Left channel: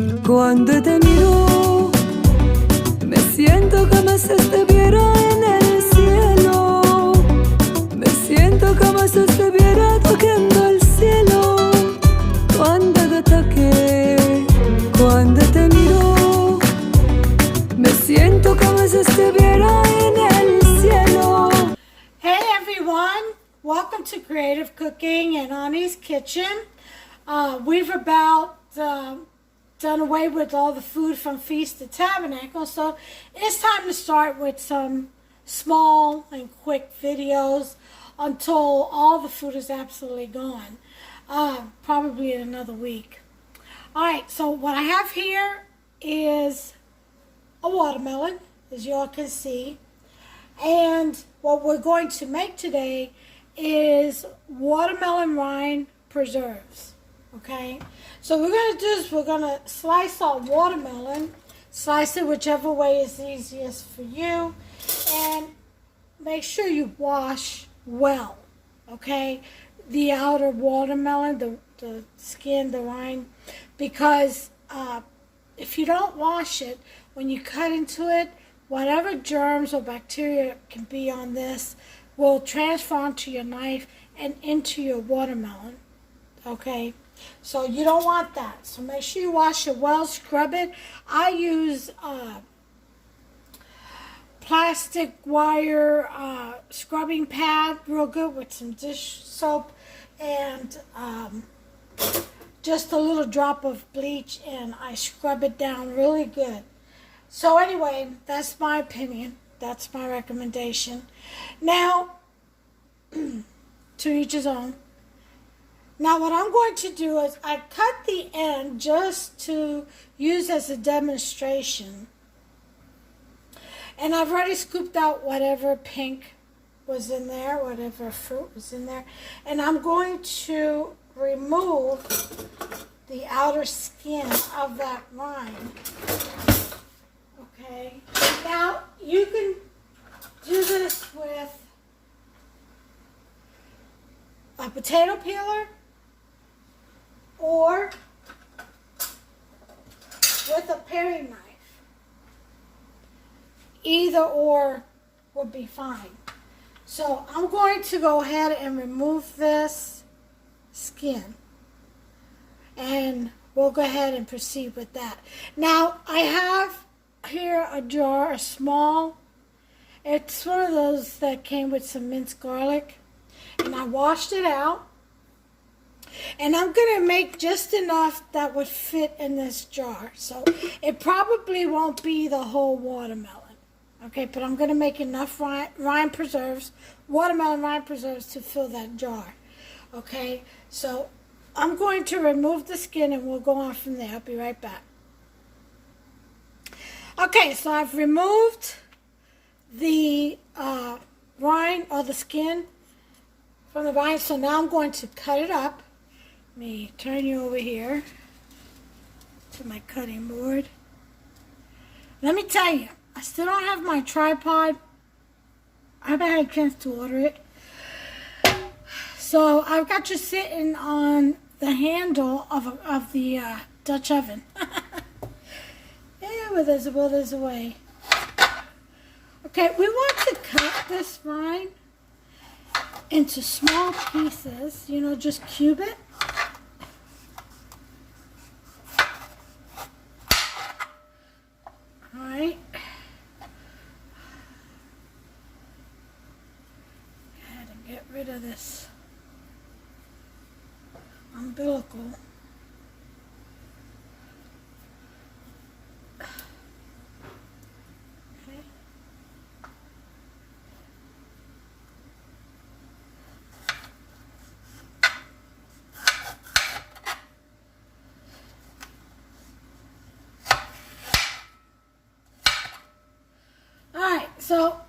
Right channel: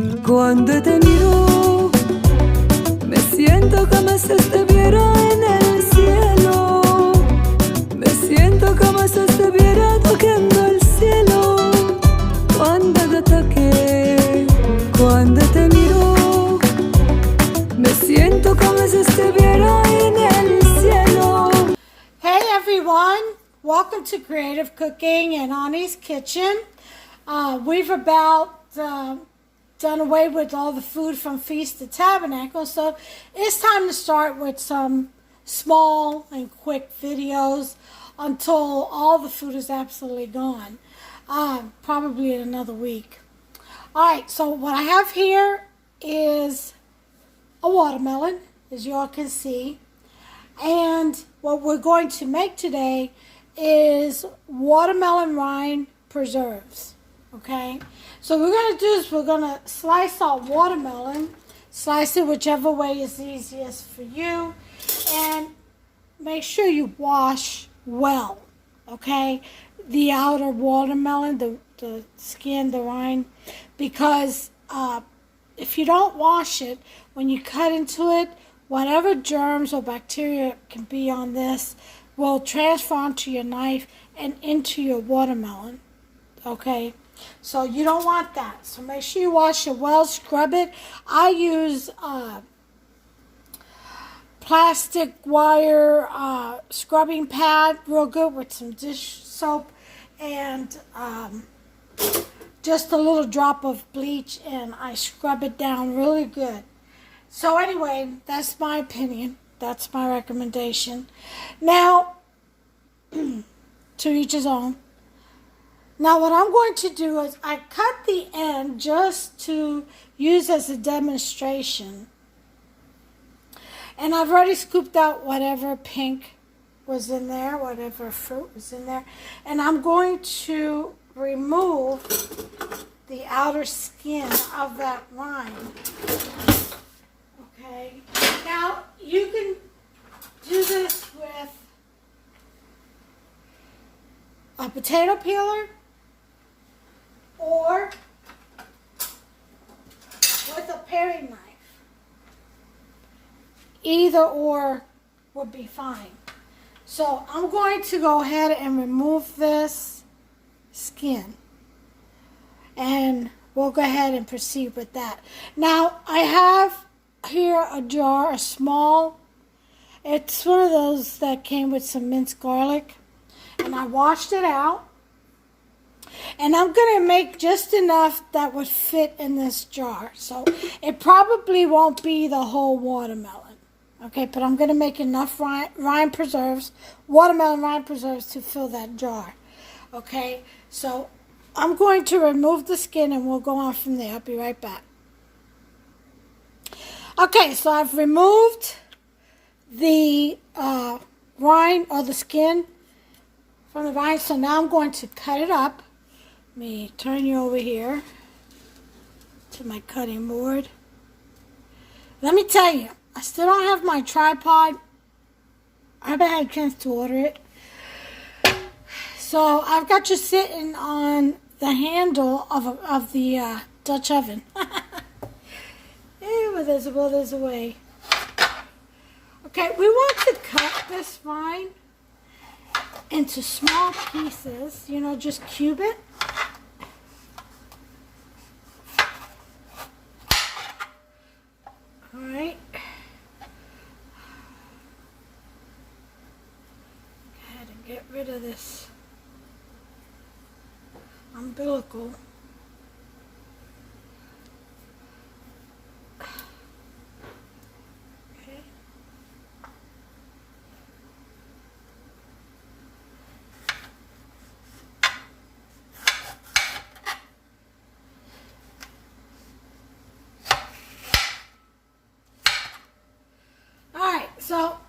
Cuando te miro, me siento como si estuviera en el cielo. Me siento como si estuviera tocando el cielo. Cuando te toque, cuando te miro, me siento como si estuviera en el cielo. Hey everyone, welcome to Creative Cooking and Ani's Kitchen. We've about done away with all the food from Feast to Tabernacle, so it's time to start with some small and quick videos until all the food is absolutely gone, probably in another week. Alright, so what I have here is a watermelon, as you all can see, and what we're going to make today is watermelon rind preserves. Okay, so what we're going to do is we're going to slice our watermelon, slice it whichever way is easiest for you, and make sure you wash well, okay, the outer watermelon, the skin, the rind, because if you don't wash it, when you cut into it, whatever germs or bacteria can be on this will transfer onto your knife and into your watermelon, okay? So you don't want that. So make sure you wash it well, scrub it. I use plastic wire scrubbing pad, real good, with some dish soap and just a little drop of bleach, and I scrub it down really good. So anyway, that's my opinion. That's my recommendation. Now, to each his own. Now what I'm going to do is I cut the end just to use as a demonstration. And I've already scooped out whatever pink was in there, whatever fruit was in there. And I'm going to remove the outer skin of that rind. Okay. Now you can do this with a potato peeler or with a paring knife. Either or would be fine. So I'm going to go ahead and remove this skin, and we'll go ahead and proceed with that. Now I have here a jar, a small, it's one of those that came with some minced garlic, and I washed it out, and I'm going to make just enough that would fit in this jar. So it probably won't be the whole watermelon, okay, but I'm going to make enough rind preserves, watermelon rind preserves, to fill that jar, okay. So I'm going to remove the skin and we'll go on from there. I'll be right back. Okay, so I've removed the rind, or the skin from the rind, so now I'm going to cut it up. Let me turn you over here to my cutting board. Let me tell you, I still don't have my tripod. I haven't had a chance to order it. So I've got you sitting on the handle of the Dutch oven. Well, there's a way. Okay, we want to cut this rind into small pieces, you know, just cube it. All right. Go ahead and get rid of this umbilical. So,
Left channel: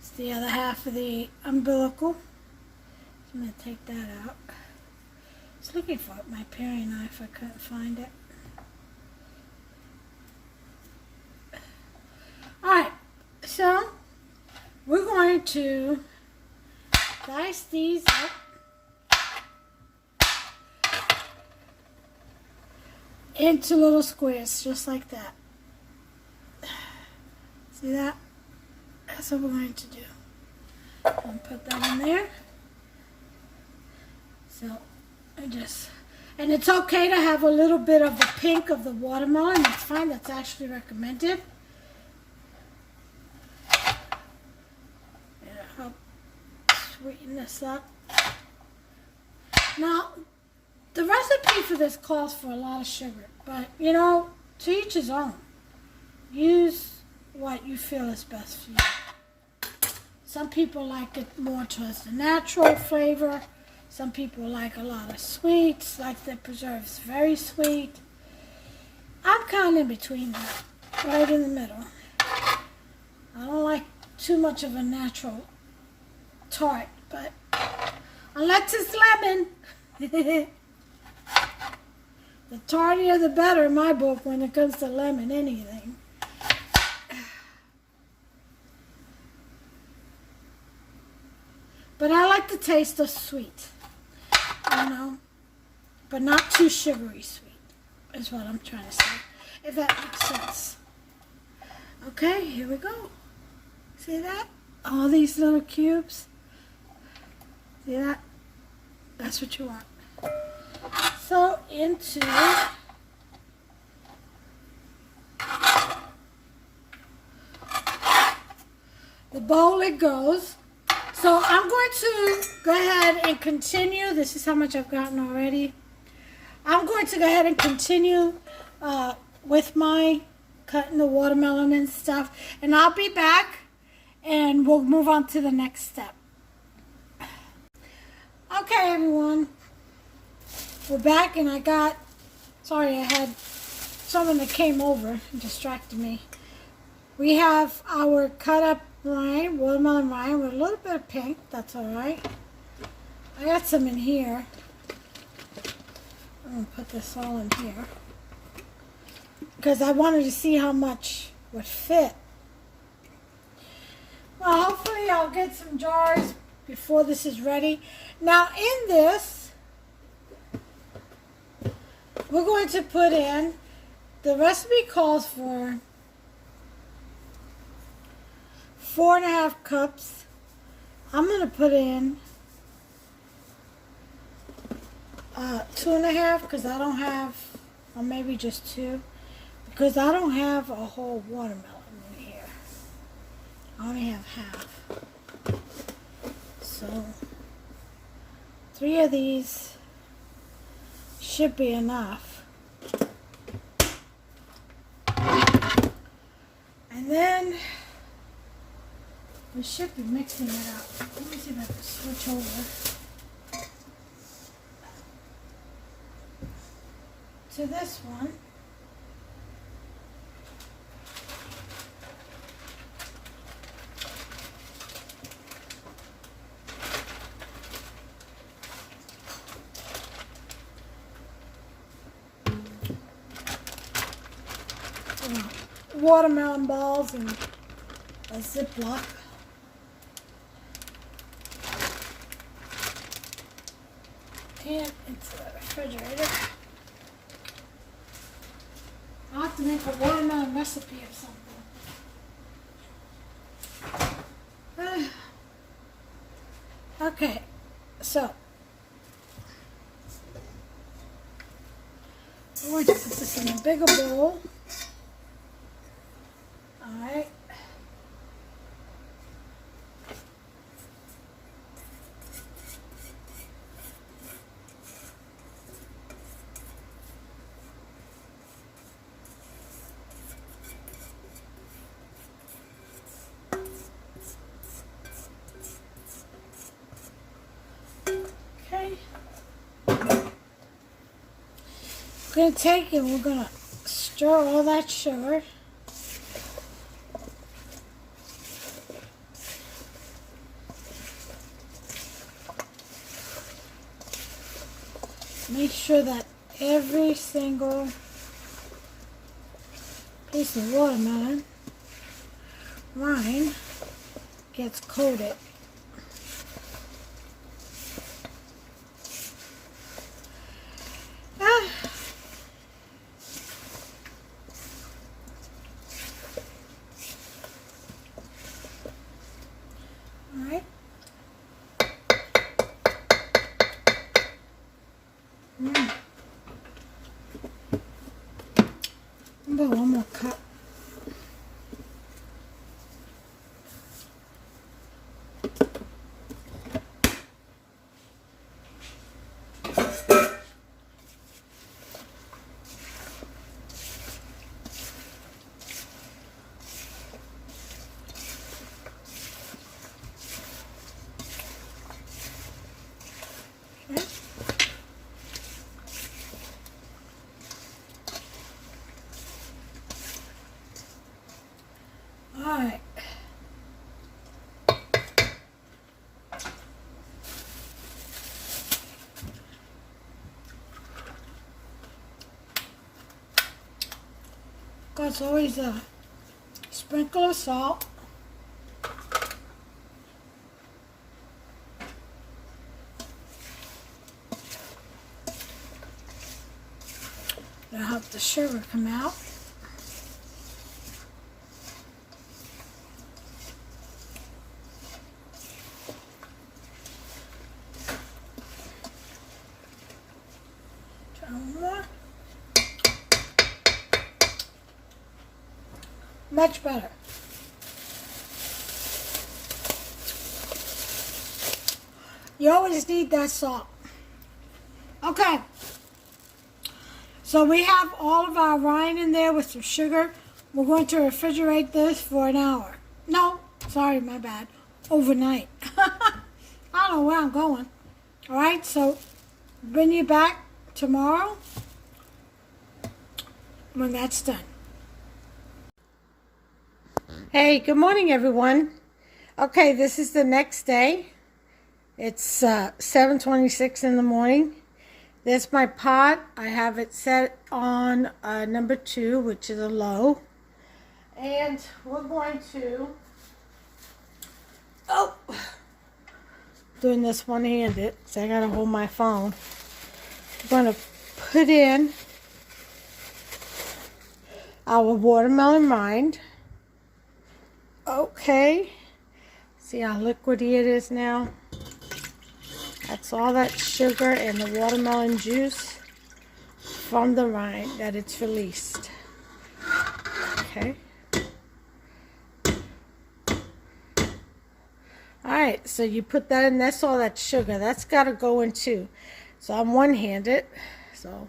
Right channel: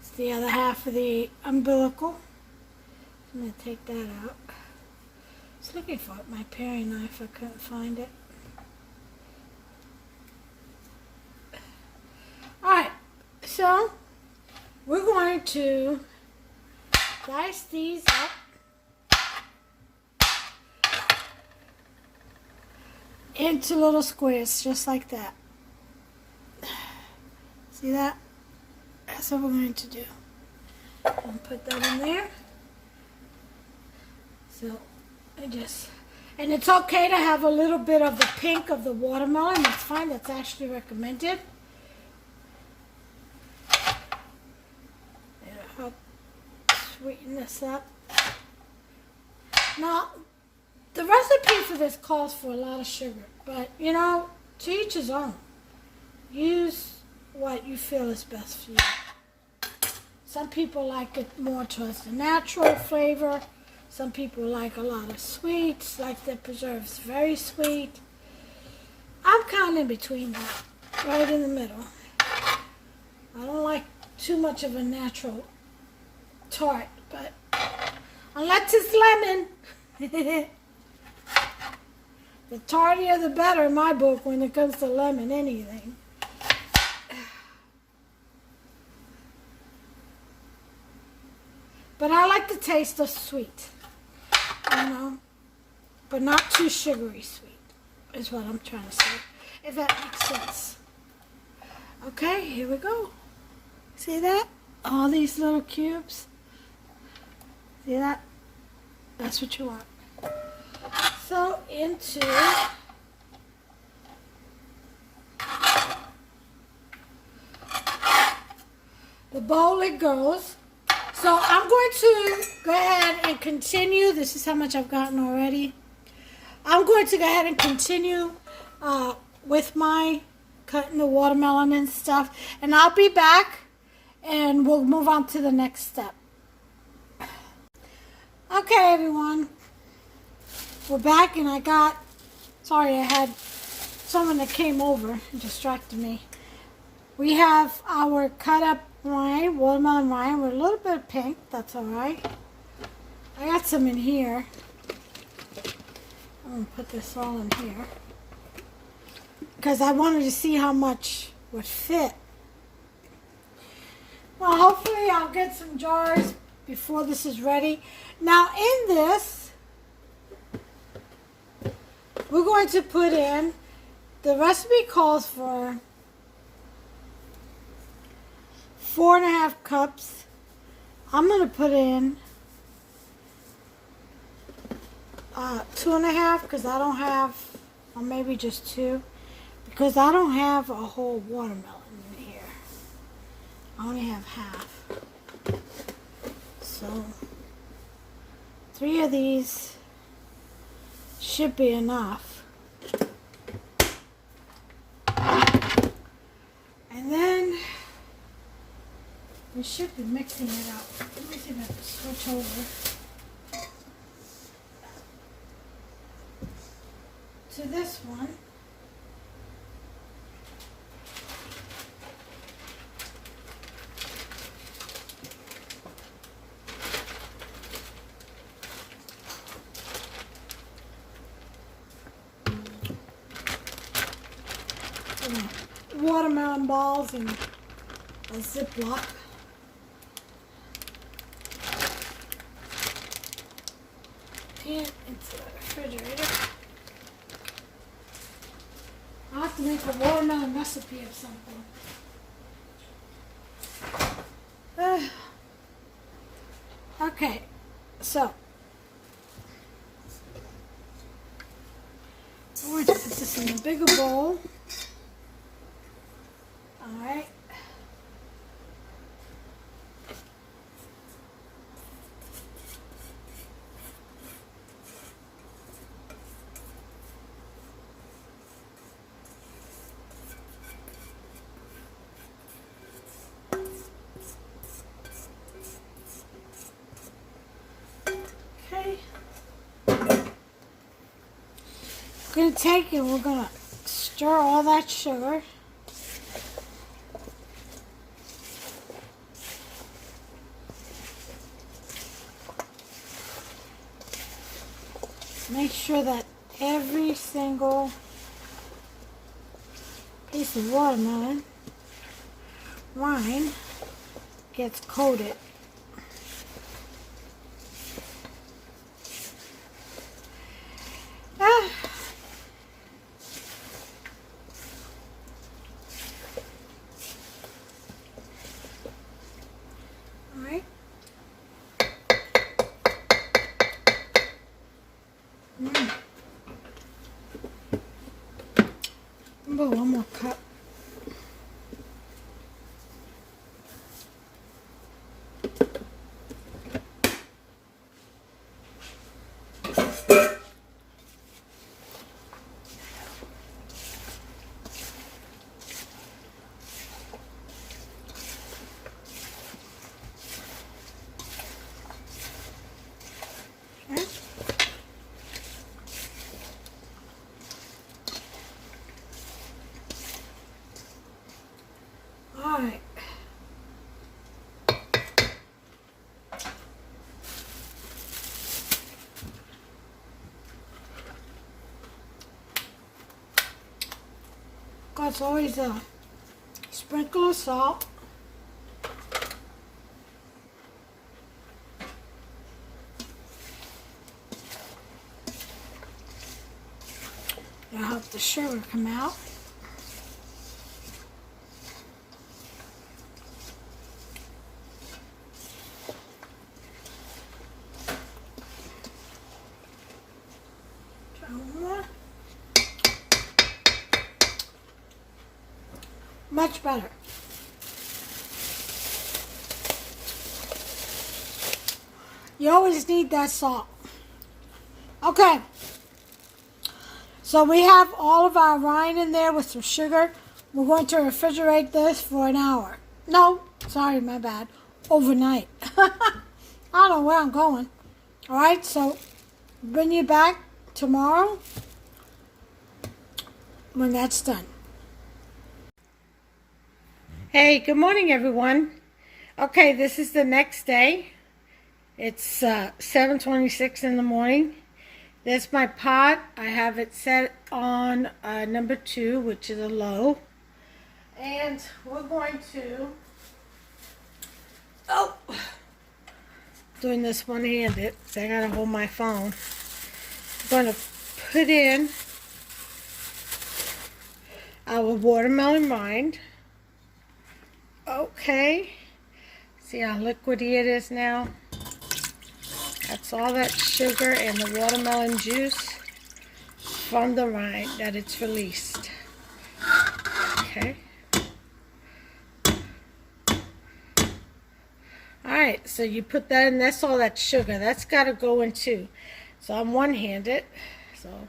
it's the other half of the umbilical. I'm going to take that out. I was looking for my paring knife. I couldn't find it. Alright, so we're going to dice these up into little squares, just like that. See that? That's what we're going to do. I'll put that in there. So, and it's okay to have a little bit of the pink of the watermelon. That's fine. That's actually recommended. And it'll help sweeten this up. Now, the recipe for this calls for a lot of sugar, but you know, to each his own. Use what you feel is best for you. Some people like it more towards the natural flavor. Some people like a lot of sweets, like the preserves very sweet. I'm kind of in between that, right in the middle. I don't like too much of a natural tart, but unless it's lemon. The tartier the better in my book when it comes to lemon anything. But I like the taste of sweet, you know, but not too sugary sweet is what I'm trying to say, if that makes sense. Okay, here we go. See that? All these little cubes. See that? That's what you want. So into the bowl it goes. So I'm going to go ahead and continue. This is how much I've gotten already. I'm going to go ahead and continue with my cutting the watermelon and stuff. And I'll be back and we'll move on to the next step. Okay, everyone. We're back and I had someone that came over and distracted me. We have our cut up rind, watermelon rind with a little bit of pink. That's all right. I got some in here. I'm going to put this all in here because I wanted to see how much would fit. Well, hopefully I'll get some jars before this is ready. Now in this, we're going to put in, the recipe calls for 4.5 cups. I'm going to put in 2.5 because I don't have, or maybe just 2, because I don't have a whole watermelon in here. I only have half. So 3 of these should be enough. And then we should be mixing it up. Let me see if I can switch over to this one. Watermelon balls and a Ziploc. And into the refrigerator. I'll have to make a watermelon recipe or something. Okay, so we're going to put this in a bigger bowl. Alright. Okay. We're going to take and we're going to stir all that sugar. Make sure that every single piece of watermelon rind gets coated. it's always a sprinkle of salt. That'll help the sugar come out. Try one more. Much better. You always need that salt. Okay. So we have all of our rind in there with some sugar. We're going to refrigerate this for an hour. No, sorry, my bad. Overnight. I don't know where I'm going. All right, so bring you back tomorrow when that's done. Hey, good morning, everyone. Okay, this is the next day. It's 7:26 in the morning. This is my pot. I have it set on number 2, which is a low. And we're going to, doing this one-handed, so I gotta hold my phone. I'm going to put in our watermelon rind. Okay. See how liquidy it is now? That's all that sugar and the watermelon juice from the rind that it's released. Okay. Alright, so you put that in, that's all that sugar. That's got to go in too. So I'm one-handed. So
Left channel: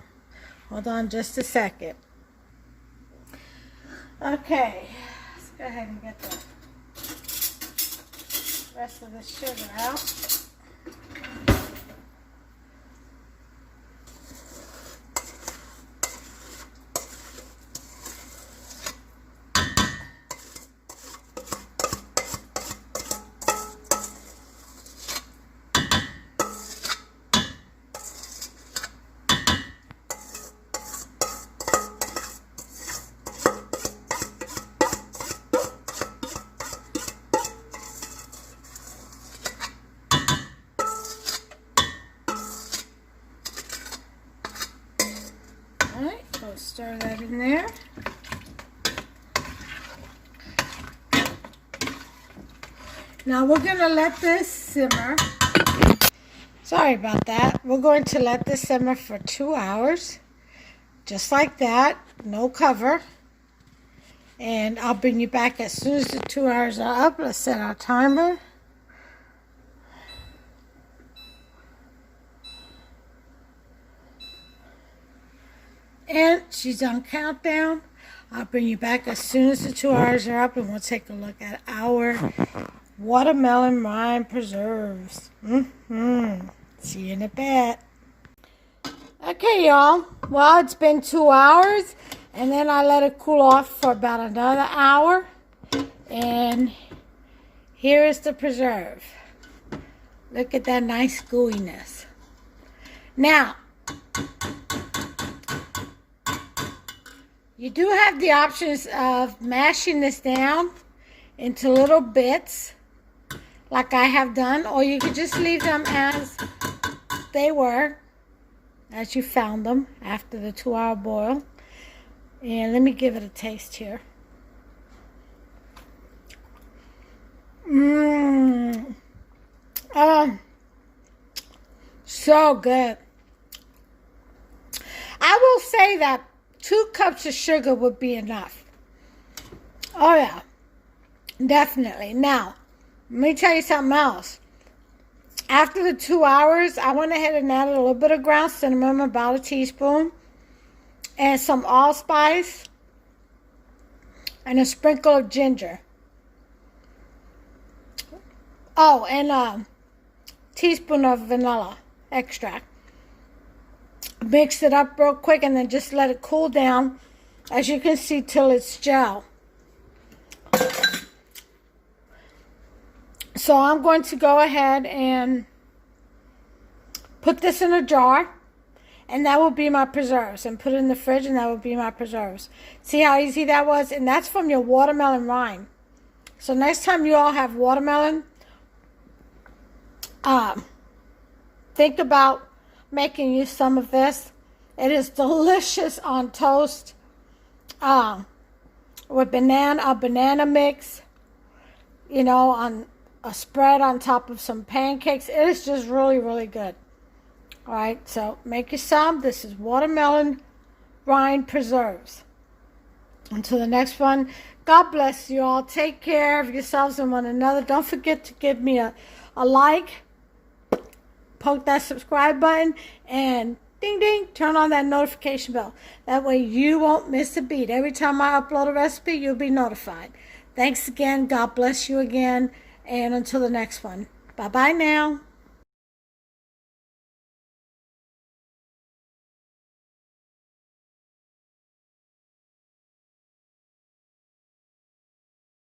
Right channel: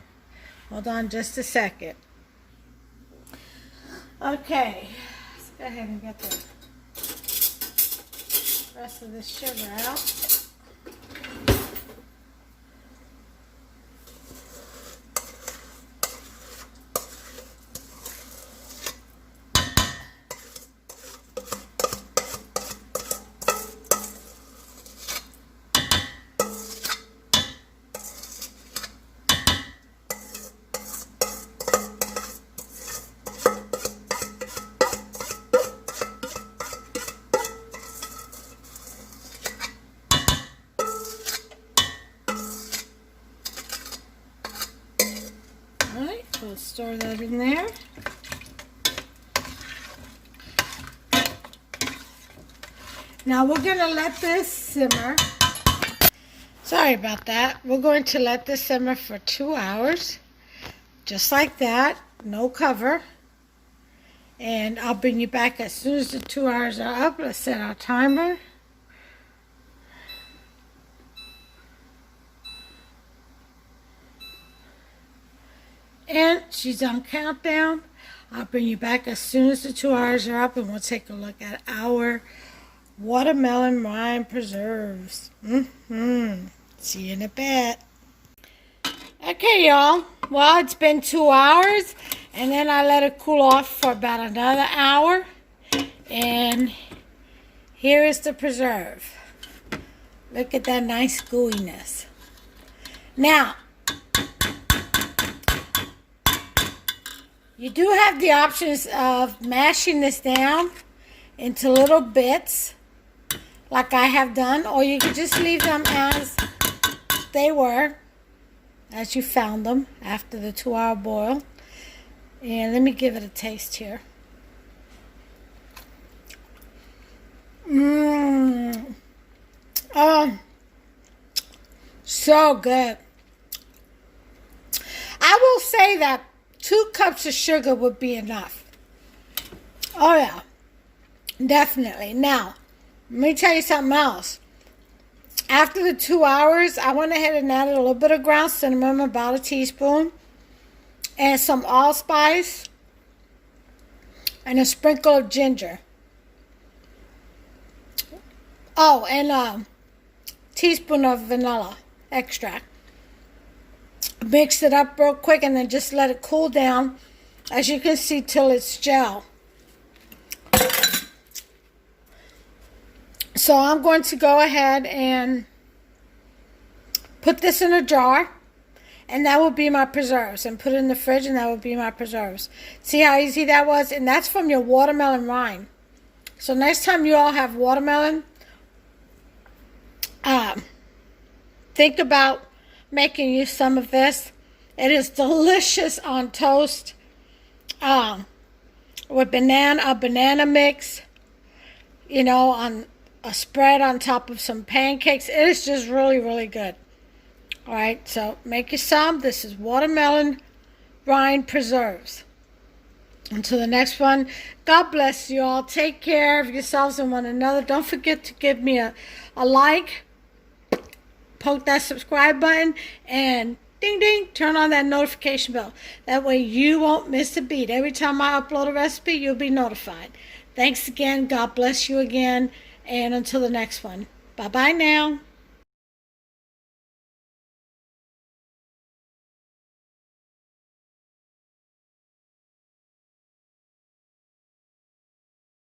hold on just a second. Okay. Let's go ahead and get the rest of the sugar out. Alright, we'll stir that in there. Now we're going to let this simmer. Sorry about that. We're going to let this simmer for 2 hours. Just like that. No cover. And I'll bring you back as soon as the 2 hours are up. Let's set our timer. And she's on countdown. I'll bring you back as soon as the 2 hours are up, and we'll take a look at our watermelon rind preserves. See you in a bit. Okay, y'all. Well, it's been 2 hours, and then I let it cool off for about another hour. And here is the preserve. Look at that nice gooiness. Now, you do have the options of mashing this down into little bits, like I have done, or you could just leave them as they were, as you found them after the 2 hour boil. And let me give it a taste here. So good. I will say that 2 cups of sugar would be enough. Oh yeah, definitely. Now, let me tell you something else. After the 2 hours, I went ahead and added a little bit of ground cinnamon, about a teaspoon, and some allspice, and a sprinkle of ginger. Oh, and a teaspoon of vanilla extract. Mix it up real quick and then just let it cool down, as you can see, till it's gel. So I'm going to go ahead and put this in a jar, And that will be my preserves. And put it in the fridge, and that will be my preserves. See how easy that was? And that's from your watermelon rind. So next time you all have watermelon, think about making you some of this. It is delicious on toast with a banana mix, on a spread on top of some pancakes. It is just really, really good. All right, so make you some. This is watermelon rind preserves. Until the next one, God bless you all. Take care of yourselves and one another. Don't forget to give me a like, poke that subscribe button, and ding ding, turn on that notification bell. That way you won't miss a beat. Every time I upload a recipe, you'll be notified. Thanks again. God bless you again. And until the next one. Bye-bye now.